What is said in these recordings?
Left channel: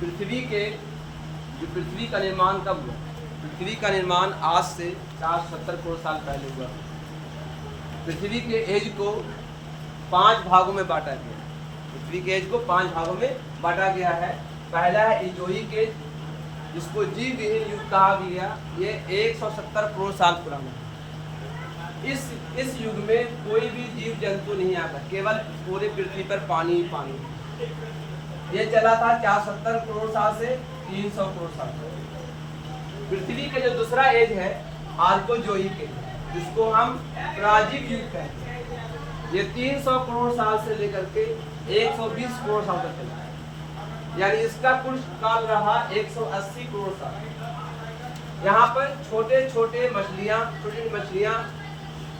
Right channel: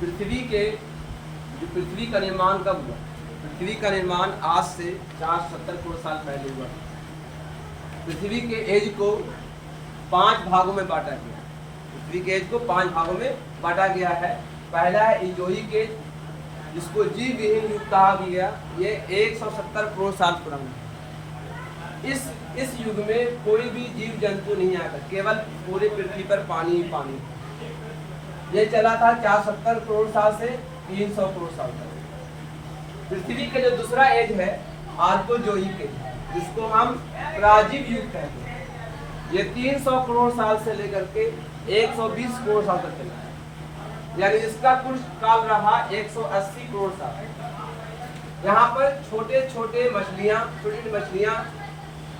पृथ्वी का निर्माण कब हुआ? पृथ्वी का निर्माण आज से 470 करोड़ साल पहले हुआ। पृथ्वी के एज को 5 भागों में बांटा गया। पृथ्वी के एज को 5 भागों में बांटा गया है। पहला है इजोइक एज, जिसको जीव विहीन युग कहा भी गया। ये 170 करोड़ साल पुराना है। इस युग में कोई भी जीव जंतु नहीं आता, केवल पूरे पृथ्वी पर पानी ही पानी। ये चला था 470 करोड़ साल से 300 करोड़ साल तक। पृथ्वी का जो दूसरा एज है आर्कोजोइक एज, जिसको हम प्राजीव युग कहते हैं। ये 300 करोड़ साल से लेकर के 120 करोड़ साल तक चला है, यानी इसका कुल काल रहा 180 करोड़ साल। यहाँ पर छोटे छोटे मछलियाँ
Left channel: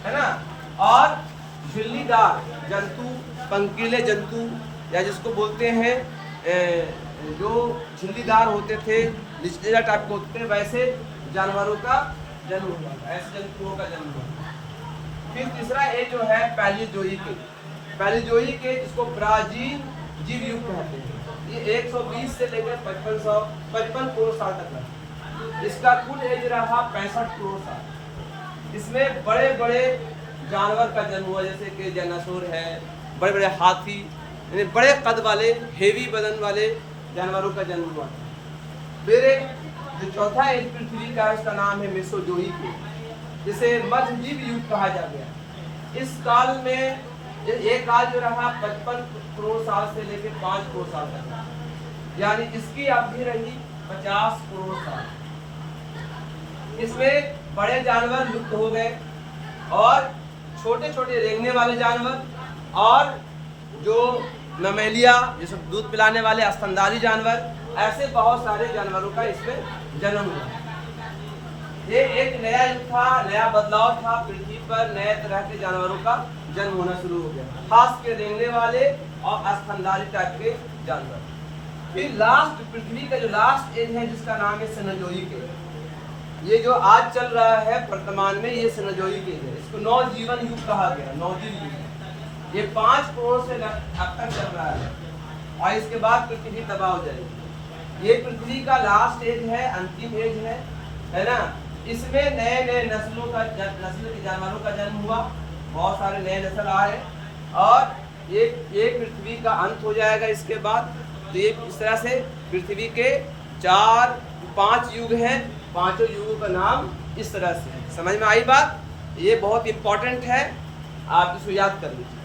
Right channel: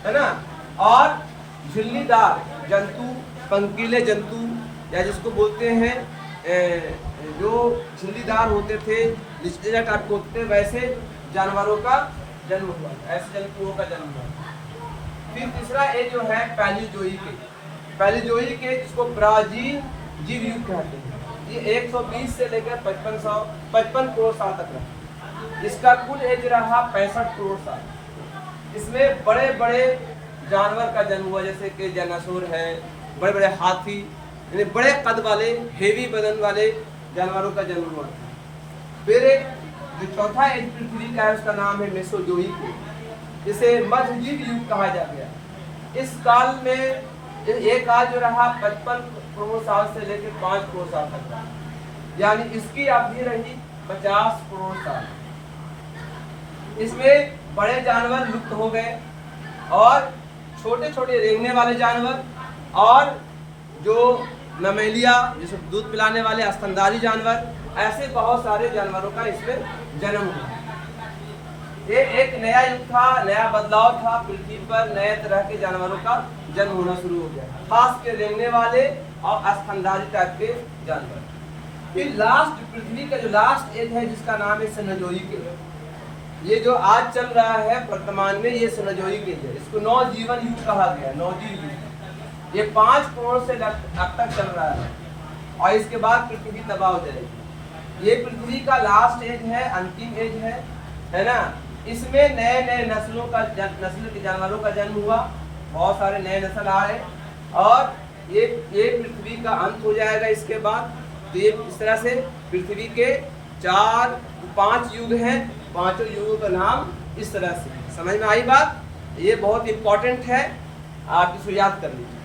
है ना, और झिल्लीदार जंतु, पंखीले जंतु, या जिसको बोलते हैं जो झिल्लीदार होते थे, लिस्टेजा टाइप के होते थे, वैसे जानवरों का जन्म हुआ, ऐसे जंतुओं का जन्म हुआ। फिर तीसरा एज जो है पैलियोजोइक एज, जिसको ब्राजील जीव युग कहते हैं। ये 120 से लेकर 55 करोड़ साल तक रहा। इसका कुल एज रहा 65 करोड़ साल। इसमें बड़े बड़े जानवर का जन्म हुआ, जैसे कि डायनासोर है, बड़े बड़े हाथी, यानी बड़े कद वाले, हेवी बदन वाले जानवरों का जन्म हुआ था। फिर जो चौथा एज पृथ्वी का है, उसका नाम है मेसोजोइक एज, जिसे मध्यजीव युग कहा जा गया। इस काल में एक काल जो रहा 55 करोड़ साल से लेकर 5 करोड़ साल तक रहा, यानी इसकी अवधि रही 50 करोड़ साल। इसमें बड़े जानवर लुप्त हो गए और छोटे छोटे रेंगने वाले जानवर और जो ममेलिया, जैसे दूध पिलाने वाले स्तनधारी जानवर, ऐसे बहुत सारे जानवरों का इसमें जन्म हुआ। ये एक नया युग था, नया बदलाव था। पृथ्वी पर नए तरह के जानवरों का जन्म होना शुरू हो गया, खास के रेंगने वाले और स्तनधारी टाइप के जानवर। फिर लास्ट, पृथ्वी का जो लास्ट एज है, जिसका नाम है सेनोजोइक एज। ये जो आज चल रहा है वर्तमान में, ये सेनोजोइक एज है। इसको नवजीवन युग कहा गया, नवजीव युग। ये 5 करोड़ से अब तक चल रहा है और इसके बाद पृथ्वी तबाह हो जाएगी। ये पृथ्वी का लास्ट एज है, अंतिम एज है ना। इसमें नए नए नस्ल के जानवरों का जन्म हुआ, बहुत सारे नए नस्ल आए और ये पृथ्वी का अंत हो जाएगा इसके बाद। तो ये इस तरह से पृथ्वी के 5 युग हैं। 5 युगों का नाम इस तरह से। समझ में आई बात? ये बहुत इंपॉर्टेंट है, आप इसको याद कर लीजिए।